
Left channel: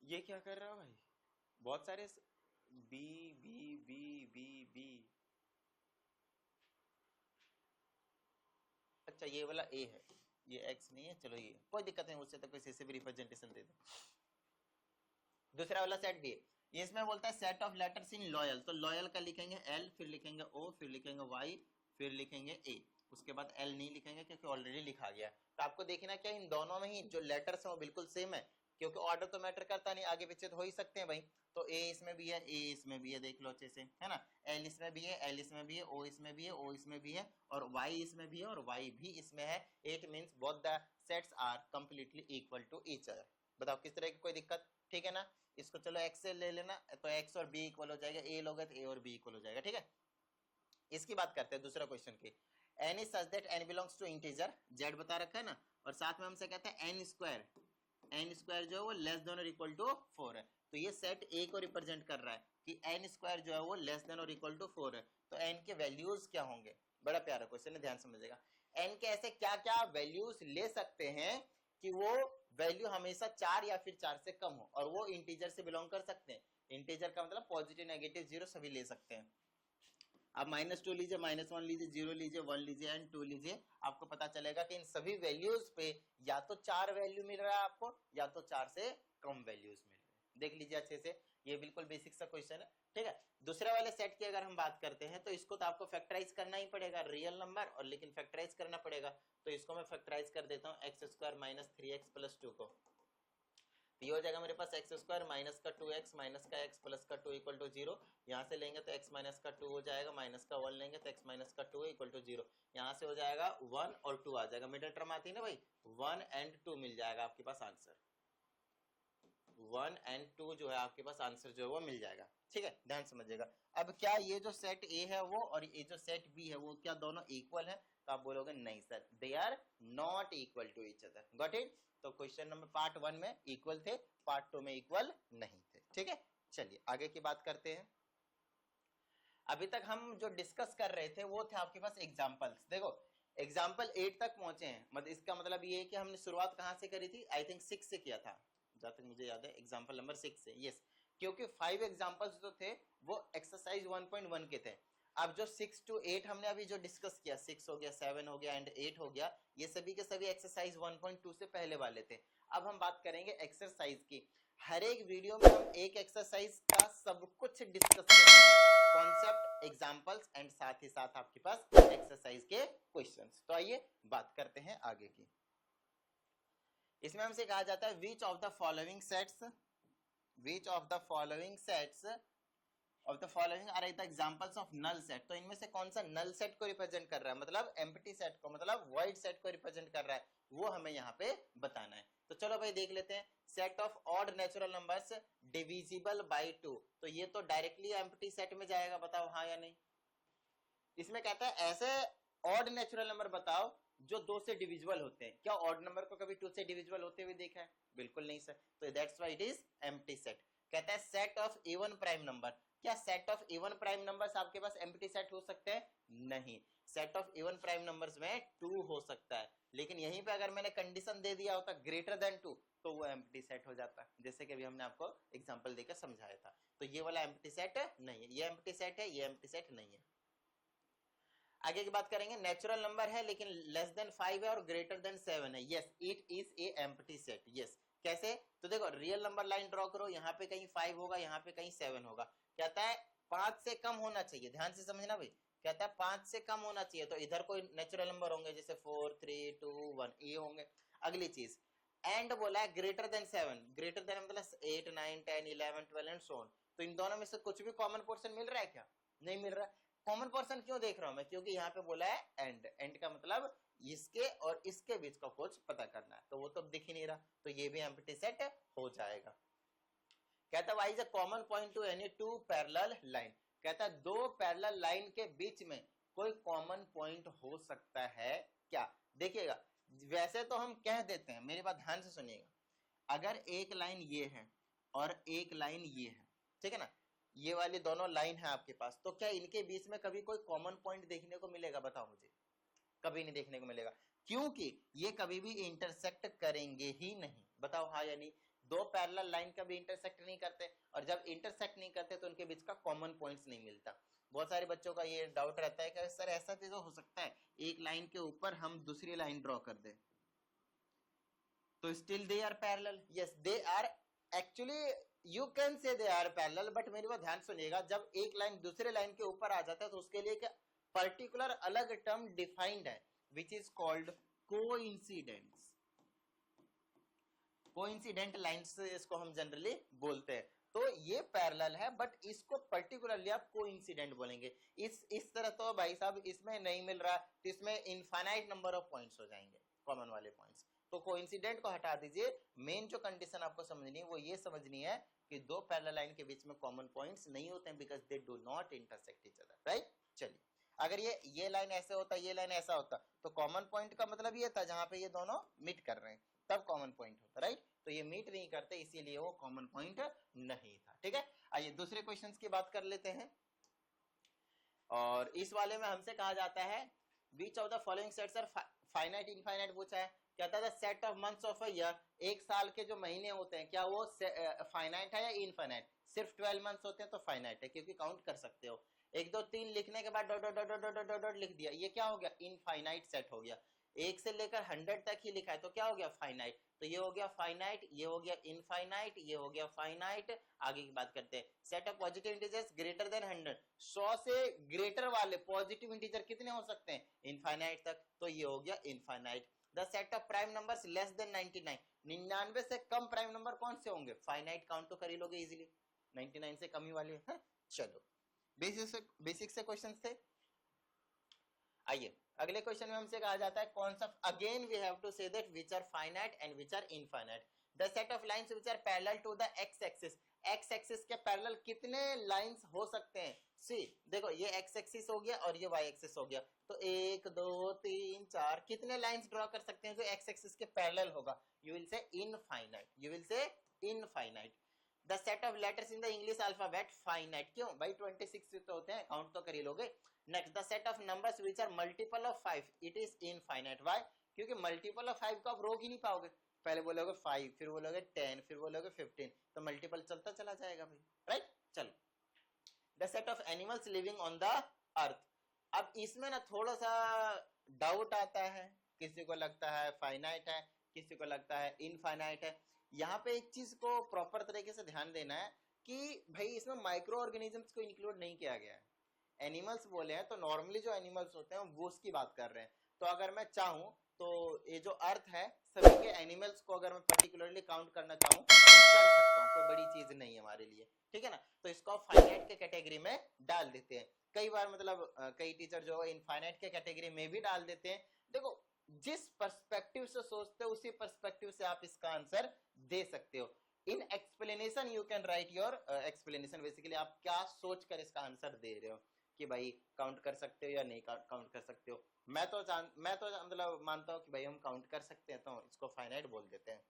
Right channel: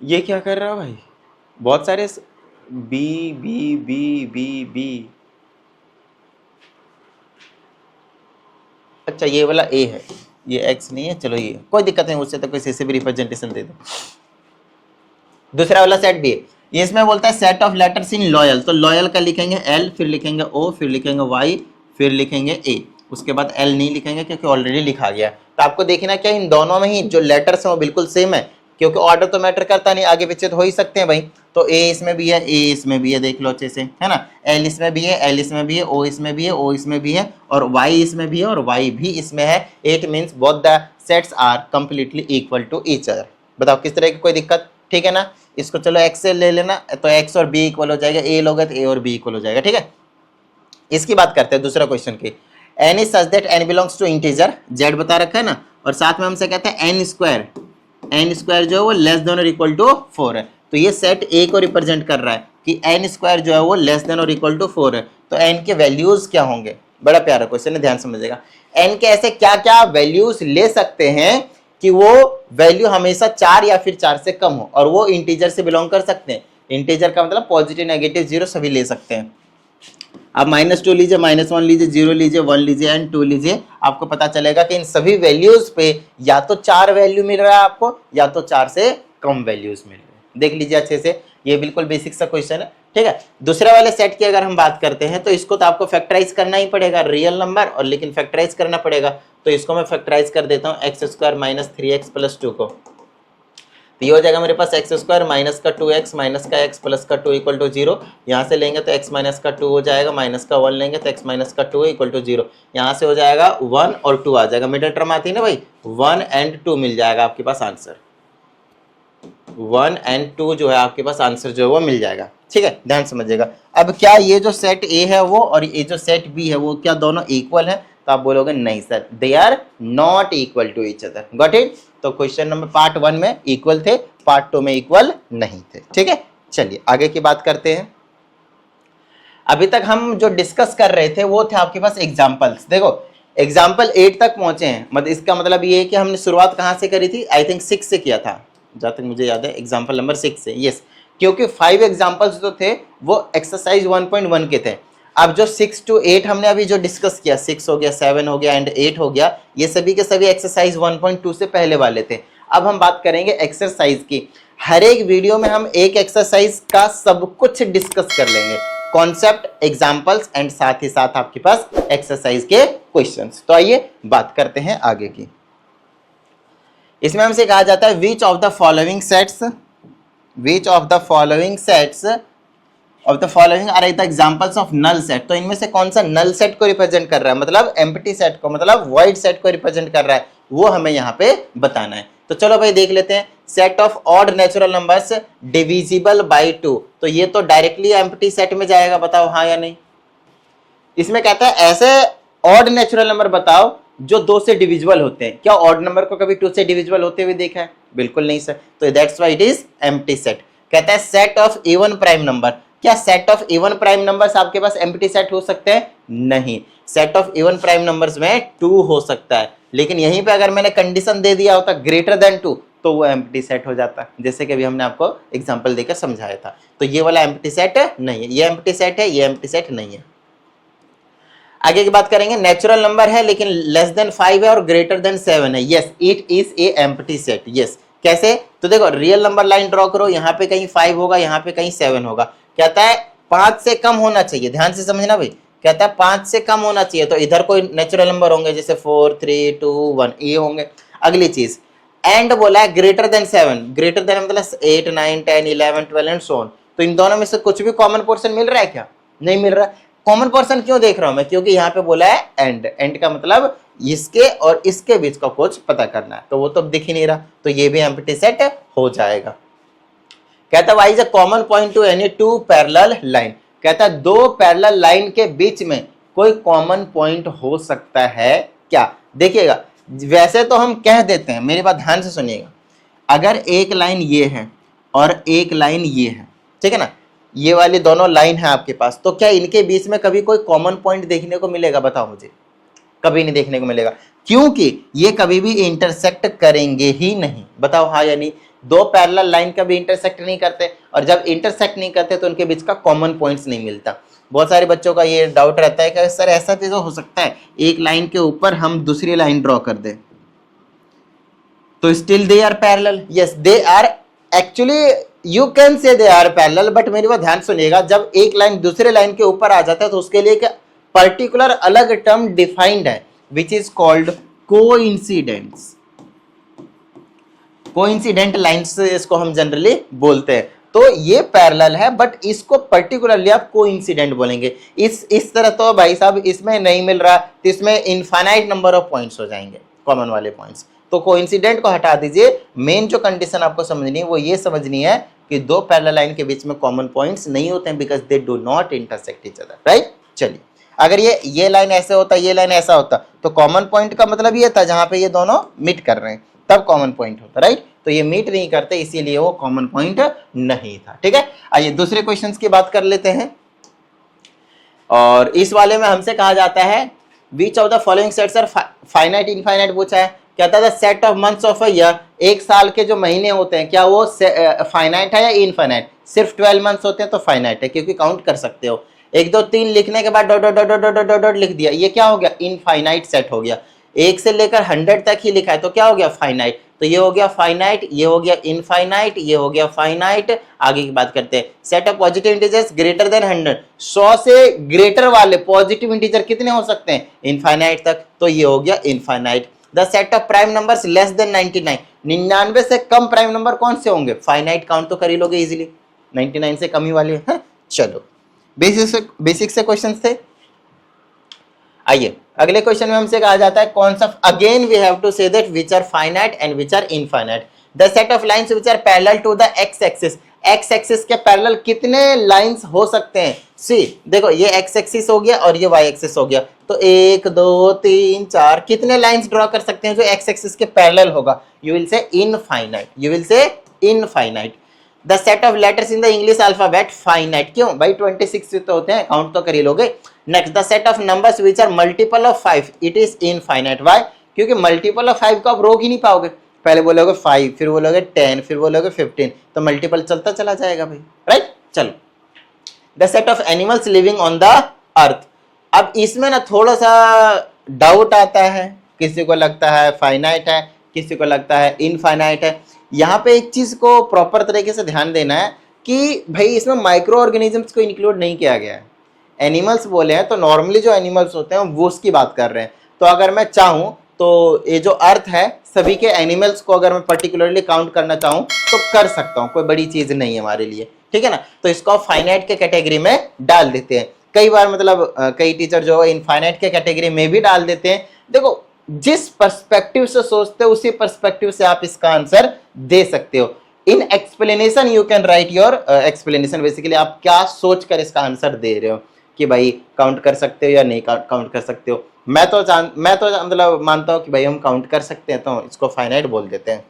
ये क्या कर रहा है भाई, बहुत सारे B B B B B, अच्छा ये वाला ए है, ये एक्स नहीं है, चलो ये कोई दिक्कत नहीं, उससे तो किसी से भी रिप्रेजेंटेशन दे दो। दूसरा वाला सेट बी है, ये इसमें बोलता है set of letters in loyal, तो लॉयल का लिखेंगे एल, फिर लिखेंगे ओ, फिर लिखेंगे वाई, फिर लिखेंगे ए, उसके बाद एल नहीं लिखेंगे क्योंकि ऑलरेडी लिखा गया। तो आपको देखना क्या इन दोनों में ही जो लेटर्स हैं वो बिल्कुल सेम है, क्योंकि ऑर्डर तो मैटर करता नहीं, आगे पीछे तो हो ही सकते हैं भाई। तो ए इसमें भी है, ए इसमें भी है, देख लो अच्छे से, है ना, एल इसमें भी है, एल इसमें भी है, ओ इसमें भी है, ओ इसमें भी है, और वाई इसमें भी है, और वाई भी इसमें है। It means both the sets are completely equal to each other. बताओ किस तरह की कोई दिक्कत? ठीक है ना, इसको चलो एक्स से ले लेना, तो एक्स और बी इक्वल हो जाएगा, ए लोगे तो ए और बी इक्वल हो जाएगा। ठीक है, इसकी बात करते हैं दूसरा क्वेश्चन की। N is such that N belongs to integer, Z बता रखा है ना, और साथ में हमसे कहते हैं एन स्क्वायर जो है वो लेस देन और इक्वल टू 4 है, तो ये सेट ए को रिप्रेजेंट कर रहा है कि एन स्क्वायर जो है वो लेस देन और इक्वल टू 4 है, तो एन के वैल्यूज क्या होंगे? बड़ा प्यारा क्वेश्चन है, ध्यान समझिएगा। एन के ऐसे क्या क्या वैल्यूज ले सकते हैं कि वो वैल्यू हमेशा 4 या फिर 4 से कम हो, और वो इंटीजर से बिलोंग कर सकते हैं। इंटीजर का मतलब पॉजिटिव नेगेटिव जीरो सभी ले सकते हैं। आप -2 लीजिए, -1 लीजिए, 0 लीजिए, 1 लीजिए एंड 2 लीजिए, आपको पता चलेगा कि इन सभी वैल्यूज पे या तो 4 वैल्यू मिल रहा है आपको, या तो 4 से कम वैल्यूज मिल रहे हैं। देख लीजिए अच्छे से, ये बिल्कुल बेसिक सा क्वेश्चन है। ठीक है, दूसरे वाले सेट की अगर हम बात करते हैं तो इसको तो आपको फैक्टराइज करना ही पड़ेगा, रियल नंबर और लेकिन फैक्टराइज करना पड़ेगा, तो इसको मैं फैक्टराइज कर देता हूँ, x square minus 3x plus 2 को, तो ये हो जाएगा मेरे पास एक्स स्क्वायर माइनस का 2x माइनस का x प्लस का 2 इक्वल टू 0। यहाँ से लेंगे तो x माइनस का 2 हो जाएगा, माइनस का 1 लेंगे तो x माइनस का 2 इक्वल टू 0। यहाँ से हो जाएगा 1 और 2 आ जाएगा, मिडिल टर्म आती है ना भाई, 1 एंड 2 मिल जाएगा आपके पास आंसर, 1 एंड 2 जो है आपके पास आंसर जो है वो मिल जाएगा। ठीक है, ध्यान समझिएगा। अब क्या ये जो सेट ए है वो और ये जो सेट बी है वो क्या दोनों इक्वल है? तो आप बोलोगे नहीं sir, they are not equal to each other. Got it? तो क्वेश्चन नंबर पार्ट 1 में इक्वल थे, पार्ट 2 में इक्वल नहीं थे। ठीक है, चलिए आगे की बात करते हैं। अभी तक हम जो डिस्कस कर रहे थे वो थे आपके पास एग्जाम्पल्स। देखो एग्जाम्पल 8 तक पहुंचे हैं, मतलब इसका मतलब ये है कि हमने शुरुआत कहाँ से करी थी? आई थिंक 6 से किया था, जहाँ तक मुझे याद है एग्जाम्पल नंबर 6 से। यस, क्योंकि 5 एग्जाम्पल्स जो थे वो एक्सरसाइज 1.1 के थे। अब जो 6 to 8 हमने अभी जो डिस्कस किया, 6 हो गया, 7 हो गया एंड 8 हो गया, ये सभी के सभी एक्सरसाइज 1.2 से पहले वाले थे। अब हम बात करेंगे एक्सरसाइज की। हर एक वीडियो में हम एक एक्सरसाइज का सब कुछ डिस्कस कर लेंगे, कॉन्सेप्ट, एग्जाम्पल्स एंड साथ ही साथ आपके पास एक्सरसाइज के क्वेश्चंस। तो आइए बात करते हैं आगे की। इसमें हमसे कहा जाता है which of the following sets of the following are the examples of null set. तो इनमें से कौन सा नल सेट को रिप्रेजेंट कर रहा है, मतलब एम्प्टी सेट को, मतलब वॉइड सेट को रिप्रेजेंट कर रहा है, वो हमें यहाँ पे बताना है। तो चलो भाई देख लेते हैं। Set of odd natural numbers divisible by 2, तो ये तो डायरेक्टली एम्प्टी सेट में जाएगा, बताओ हाँ या नहीं। इसमें कहता है ऐसे ऑड नेचुरल नंबर बताओ जो 2 से डिविजिबल होते हैं। क्या ऑड नंबर को कभी 2 से डिविजिबल होते हुए देखा है? बिल्कुल नहीं सर, तो that's why it is empty set. कहता है set of even prime number, क्या set of even prime numbers आपके पास एम्प्टी सेट हो सकते हैं? नहीं, set of even prime numbers में 2 हो सकता है, लेकिन यहीं पे अगर मैंने कंडीशन दे दिया होता ग्रेटर देन 2 तो वो एम्प्टी सेट हो जाता है, जैसे कि अभी हमने आपको एग्जांपल देकर समझाया था। तो ये वाला एम्प्टी सेट नहीं है, ये एम्प्टी सेट है, ये एम्प्टी सेट नहीं है। आगे की बात करेंगे, नेचुरल नंबर है लेकिन लेस देन 5 है और ग्रेटर देन 7 है। Yes, it is A empty set. Yes, कैसे? तो देखो रियल नंबर लाइन ड्रॉ करो, यहाँ पे कहीं 5 होगा, यहाँ पे कहीं 7 होगा। कहता है 5 से कम होना चाहिए, ध्यान से समझना भाई। कहता है 5 से कम होना चाहिए, तो इधर कोई नेचुरल नंबर होंगे जैसे 4, 3, 2, 1 ये होंगे। अगली चीज एंड बोला है ग्रेटर देन 7, ग्रेटर देन मतलब 8, 9, 10, 11, 12 एंड सो ऑन। तो इन दोनों में से कुछ भी कॉमन पोर्शन मिल रहा है क्या? नहीं मिल रहा। कॉमन पोर्शन क्यों देख रहा हूं मैं? क्योंकि यहाँ पे बोला है एंड, एंड का मतलब इसके और इसके बीच का कुछ पता करना है, तो वो तो दिख ही नहीं रहा, तो ये भी एम्प्टी सेट हो जाएगा। कहता है why is a common point two any 2 parallel line. कहता है 2 पैरेलल लाइन के बीच में कोई कॉमन पॉइंट हो सकता है क्या? देखिएगा, वैसे तो हम कह देते हैं, मेरी बात ध्यान से सुनिएगा, अगर एक लाइन ये है और एक लाइन ये है, ठीक है ना, ये वाली दोनों लाइन है आपके पास, तो क्या इनके बीच में कभी कोई कॉमन पॉइंट देखने को मिलेगा? बताओ मुझे। कभी नहीं देखने को मिलेगा, क्योंकि ये कभी भी इंटरसेक्ट करेंगे ही नहीं। बताओ हाँ या नहीं। 2 पैरेलल लाइन कभी इंटरसेक्ट नहीं करते, और जब इंटरसेक्ट नहीं करते तो उनके बीच का कॉमन पॉइंट्स नहीं मिलता। बहुत सारे बच्चों का ये डाउट रहता है कि सर ऐसा चीज हो सकता है एक लाइन के ऊपर हम दूसरी लाइन ड्रॉ कर दें तो still they are parallel. Yes, they are actually, you can say they are parallel, but मेरी बात ध्यान सुनिएगा, जब एक लाइन दूसरे लाइन के ऊपर आ जाता है तो उसके लिए एक पर्टिकुलर अलग टर्म डिफाइंड है, which is called coincidence. Coincident lines इसको हम जनरली बोलते हैं। तो ये पैरेलल है, बट इसको पर्टिकुलरली आप कोइंसिडेंट बोलेंगे। इस तरह तो भाई साहब इसमें नहीं मिल रहा, तो इसमें इनफाइनाइट नंबर ऑफ पॉइंट्स हो जाएंगे, कॉमन वाले पॉइंट्स। तो कोइंसिडेंट को हटा दीजिए। मेन जो कंडीशन आपको समझनी है वो ये समझनी है कि 2 पैरेलल लाइन के बीच में कॉमन पॉइंट्स नहीं होते हैं, because they do not intersect each other, right. चलिए, अगर ये लाइन ऐसे होता, ये लाइन ऐसा होता, तो कॉमन पॉइंट का मतलब ये था जहां पे ये दोनों मीट कर रहे हैं, तब कॉमन पॉइंट होता, राइट। तो ये मीट नहीं करते, इसीलिए वो कॉमन पॉइंट नहीं था। ठीक है, आइए दूसरे क्वेश्चन की बात कर लेते हैं। और इस वाले में हमसे कहा जाता है which of the following sets are finite infinite पूछा है। कहता है set of months of a year, एक साल के जो महीने होते हैं क्या वो फाइनाइट है या इनफाइनाइट? सिर्फ 12 मंथ्स होते हैं तो फाइनाइट है, क्योंकि काउंट कर सकते हो। 1, 2, 3 लिखने के बाद dot dot dot dot dot dot लिख दिया, ये क्या हो गया? इनफाइनाइट सेट हो गया। 1 से लेकर 100 तक ही लिखा है तो क्या हो गया? फाइनाइट। तो ये हो गया फाइनाइट, ये हो गया इनफाइनाइट, ये हो गया फाइनाइट। आगे की बात करते हैं। Set of positive integers greater than 100, 100 से ग्रेटर वाले पॉजिटिव इंटीजर कितने हो सकते हैं? इनफाइनाइट तक, तो ये हो गया infinite. The set of prime numbers less than 99, 99 से कम प्राइम नंबर कौन से होंगे? फाइनाइट, काउंट तो कर ही लोगे इजीली, 99 से कम ही वाले हैं। चलो, बेसिक से क्वेश्चन थे। आइए अगले क्वेश्चन में हमसे कहा जाता है concept, again we have to say that which are finite and which are infinite. The set of lines which are parallel to the X axis, X axis के पैरेलल कितने लाइंस हो सकते हैं? सी देखो, ये एक्स एक्सिस हो गया और ये वाई एक्सिस हो गया, तो 1 2 3 4 कितने लाइंस ड्रॉ कर सकते हैं जो एक्स एक्सिस के पैरेलल होगा? You will say infinite, you will say infinite. The set of letters in the English alphabet finite, क्यों भाई 26 तो होते हैं, काउंट तो कर ही लोगे। Next, the set of numbers which are multiple of 5 it is infinite. Why? क्योंकि मल्टीपल ऑफ 5 को आप रोक ही नहीं पाओगे, पहले बोलोगे 5, फिर बोलोगे 10, फिर बोलोगे 15, तो मल्टीपल चलता चला जाएगा भाई, राइट। चलो, the set of animals living on the earth. अब इसमें ना थोड़ा सा डाउट आता है, किसी को लगता है फाइनाइट है, किसी को लगता है इनफाइनाइट है। यहाँ पे एक चीज को प्रॉपर तरीके से ध्यान देना है कि भाई इसमें माइक्रो ऑर्गेनिजम्स को इंक्लूड नहीं किया गया है। एनिमल्स बोले हैं तो नॉर्मली जो एनिमल्स होते हैं वो उसकी बात कर रहे हैं। तो अगर मैं चाहूँ तो ये जो अर्थ है, सभी के एनिमल्स को अगर मैं पर्टिकुलरली काउंट करना चाहूँ तो कर सकता हूँ, कोई बड़ी चीज नहीं है हमारे लिए, ठीक है ना। तो इसको फाइनाइट के कैटेगरी में डाल देते हैं। कई बार मतलब कई टीचर जो है इनफाइनाइट के कैटेगरी में भी डाल देते हैं। देखो, जिस पर्सपेक्टिव से सोचते हो उसी पर्सपेक्टिव से आप इसका आंसर दे सकते हो। In explanation you can write your explanation, basically आप क्या सोच कर इसका आंसर दे रहे हो कि भाई काउंट कर सकते हो या नहीं काउंट कर सकते हो। मैं तो मतलब मानता हूं कि भाई हम काउंट कर सकते हैं, तो इसको फाइनाइट बोल देते हैं।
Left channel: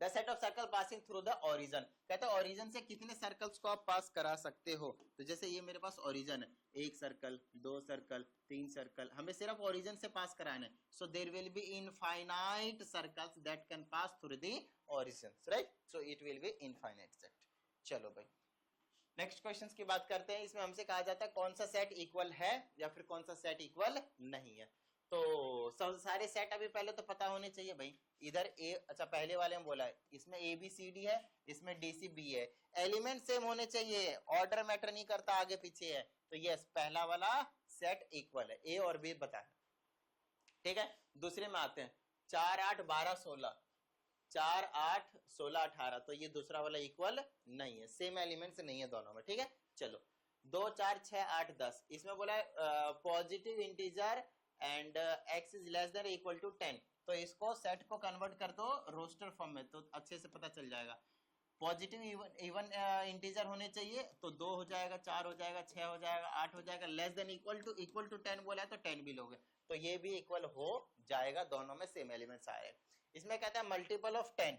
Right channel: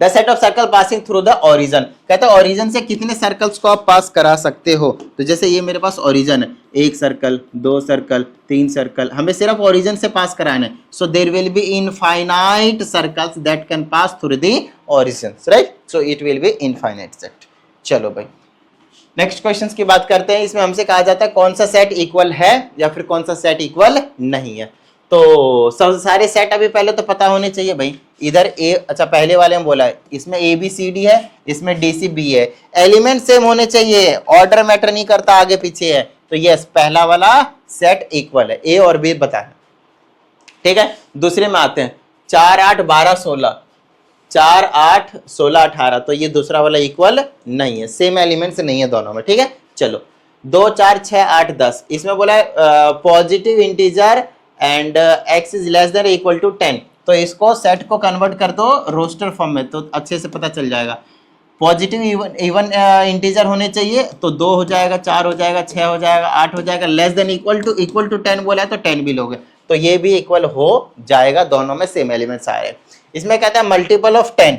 The set of circle passing through the origin, कहता है ओरिजन से कितने सर्कल्स को आप पास करा सकते हो। तो जैसे ये मेरे पास ओरिजन है, 1 सर्कल 2 सर्कल 3 सर्कल, हमें सिर्फ ओरिजन से पास कराना है। So there will be infinite circles that can pass through the origin, right. So it will be infinite set. चलो भाई, नेक्स्ट क्वेश्चन की बात करते हैं। इसमें हमसे कहा जाता है कौन सा सेट इक्वल है या फिर कौन सा सेट इक्वल नहीं है। तो सब सारे सेट अभी पहले तो पता होने चाहिए भाई। इधर ए, अच्छा पहले वाले में बोला है इसमें ए बी सी डी है, इसमें डी सी बी है, एलिमेंट सेम होने चाहिए, ऑर्डर मैटर नहीं करता आगे पीछे है। तो यस, पहला वाला सेट इक्वल है, ए और बी बताना, ठीक है। दूसरे में आते हैं 4 8 12 16, 4 8 16 18, तो ये दूसरा वाला इक्वल नहीं है, सेम एलिमेंट्स नहीं है दोनों में, ठीक है। चलो 2 4 6 8 10, इसमें बोला है positive integer and x is less than equal to 10, तो इसको सेट को कन्वर्ट कर दो रोस्टर फॉर्म में, तो अच्छे से पता चल जाएगा। पॉजिटिव इवन इंटीजर होने चाहिए, तो 2 हो जाएगा, 4 हो जाएगा, 6 हो जाएगा, 8 हो जाएगा, लेस देन इक्वल टू 10 बोला है तो 10 भी लोगे, तो ये भी इक्वल हो जाएगा, दोनों में सेम एलिमेंट्स आ रहे हैं। इसमें कहता है मल्टीपल ऑफ 10,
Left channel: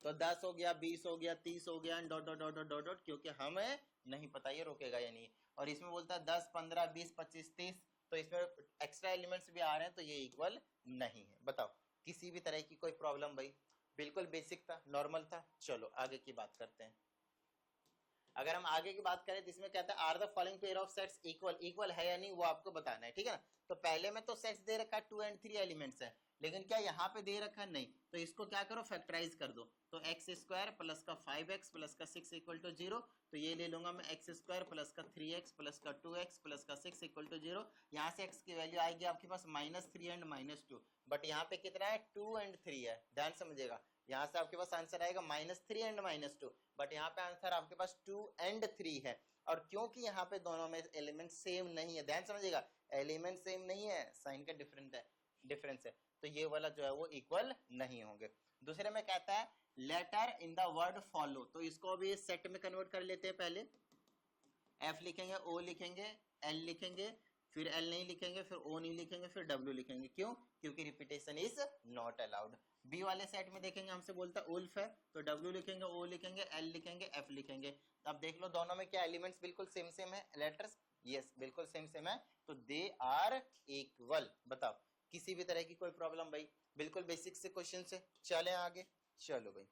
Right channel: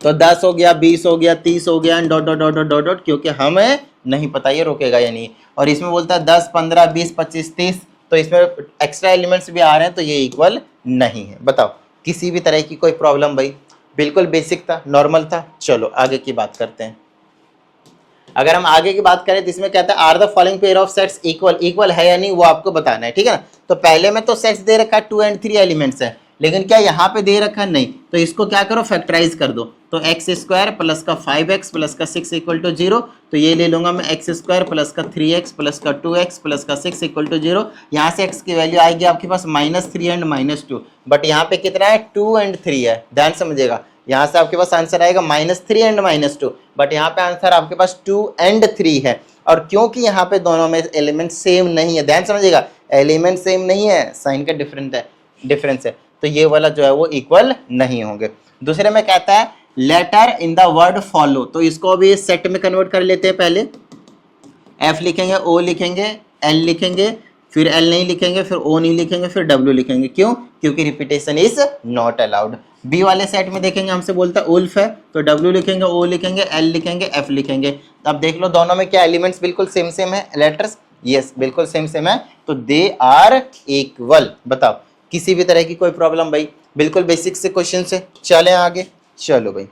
तो 10 हो गया, 20 हो गया, 30 हो गया, dot dot dot dot dot, क्योंकि हमें नहीं पता ये रोकेगा या नहीं। और इसमें बोलता है 10 15 20 25 30, तो इसमें एक्स्ट्रा एलिमेंट्स भी आ रहे हैं, तो ये इक्वल नहीं है। बताओ, किसी भी तरह की कोई प्रॉब्लम भाई? बिल्कुल बेसिक था, नॉर्मल था। चलो आगे की बात करते हैं। अगर हम आगे की बात करें तो इसमें कहता है are the following pair of sets equal, equal है या नहीं वो आपको बताना है, ठीक है ना। तो पहले में तो सेट्स दे रखा है 2 और 3 एलिमेंट्स है, लेकिन क्या यहाँ पे दे रखा है? नहीं। तो इसको क्या करो, फैक्टराइज कर दो। तो एक्स स्क्वायर प्लस का 5x प्लस का 6 इक्वल टू 0, तो ये ले लूंगा मैं एक्स स्क्वायर प्लस का 3x प्लस का 2x प्लस का 6 इक्वल टू 0। यहाँ से x की वैल्यू आएगी आपके पास -3 एंड -2, बट यहाँ पे कितना है? 2 और 3 है, ध्यान समझिएगा। यहाँ से आपके पास आंसर आएगा -3 एंड -2, बट यहाँ पे आंसर आपके पास 2 और 3 है। और क्योंकि यहाँ पे दोनों में एलिमेंट सेम नहीं है, ध्यान समझिएगा, एलिमेंट सेम नहीं है, साइन का डिफरेंस है, तो ये वाला जो है वो इक्वल नहीं होंगे। दूसरे में कहता है letter in the word follow, तो इसको भी सेट में कन्वर्ट कर लेते हैं। पहले एफ लिखेंगे, ओ लिखेंगे, एल लिखेंगे, फिर एल नहीं लिखेंगे, फिर ओ नहीं लिखेंगे, फिर डब्ल्यू लिखेंगे। क्यों? क्योंकि repetition is not allowed. B वाले सेट में देखेंगे, हमसे बोलता है उल्फ है, तो डब्ल्यू लिखेंगे, ओ लिखेंगे, एल लिखेंगे, एफ लिखेंगे। अब देख लो दोनों में क्या एलिमेंट्स बिल्कुल सेम सेम है, लेटर्स, यस बिल्कुल सेम सेम है, तो दे आर इक्वल। बताओ, किसी भी तरह की कोई प्रॉब्लम भाई? बिल्कुल बेसिक से क्वेश्चन से चलें आगे। चलो भाई,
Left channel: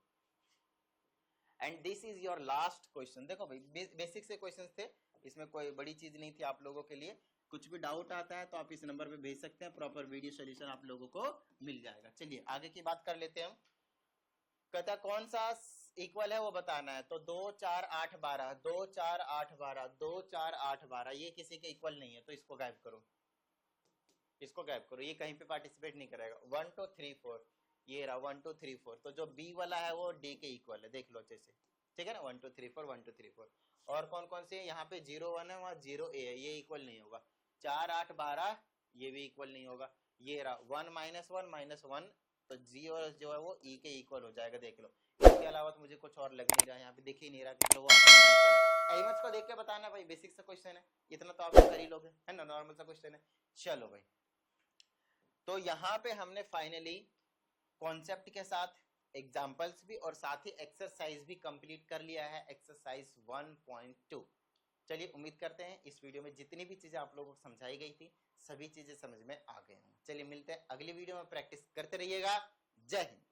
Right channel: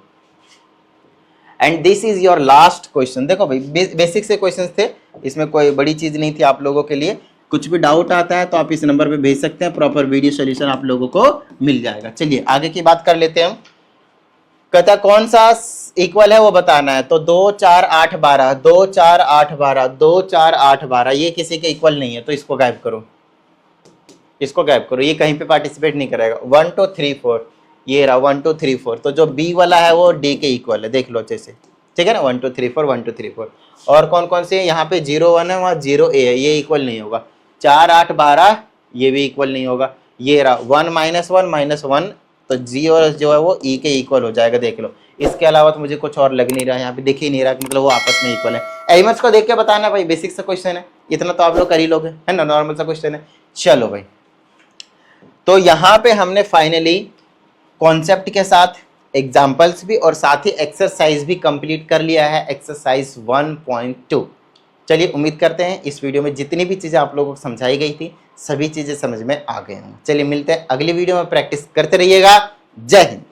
and this is your last question. देखो भाई, बेसिक से क्वेश्चंस थे, इसमें कोई बड़ी चीज नहीं थी आप लोगों के लिए। कुछ भी डाउट आता है तो आप इस नंबर पे भेज सकते हैं, प्रॉपर वीडियो सोल्यूशन आप लोगों को मिल जाएगा। चलिए आगे की बात कर लेते हैं हम। कहता कौन सा इक्वल है वो बताना है, तो 2 4 8 12, 2 4 8 12, 2 4 8 12, ये किसी के इक्वल नहीं है, तो इसको गायब करो, इसको गायब करो, ये कहीं पे पार्टिसिपेट नहीं करेगा। 1 2 3 4, ये रहा 1 2 3 4, तो जो बी वाला है वो डी के इक्वल है, देख लो अच्छे से, ठीक है ना। 1 2 3 4 1 2 3 4, और कौन कौन से? यहाँ पे 0 1 है, वहाँ 0 a है, ये इक्वल नहीं होगा। 4 8 12, ये भी इक्वल नहीं होगा। ये रहा 1 -1 -1, तो जी और जो है वो ई के इक्वल हो जाएगा, देख लो। इसके अलावा तो मुझे कुछ और लग नहीं रहा है, यहाँ पे दिख ही नहीं रहा कि मतलब वो आपस में इक्वल है। एलिमेंट्स को देख के बताना भाई, बेसिक सा क्वेश्चन है, इतना तो आप लोग कर ही लोगे, है ना, नॉर्मल सा क्वेश्चन है। चलो भाई, तो यहाँ पे हमने फाइनली कॉन्सेप्ट के साथ एग्जाम्पल्स भी और साथ ही एक्सरसाइज भी कंप्लीट कर लिया है, एक्सरसाइज 1.2। चलिए उम्मीद करते हैं इस वीडियो में जितनी भी चीज़ें आप लोगों को समझाई गई थी सभी चीज़ें समझ में आ गई होंगी। चलिए मिलते हैं अगली वीडियो में, प्रैक्टिस करते रहिएगा। जय हिंद।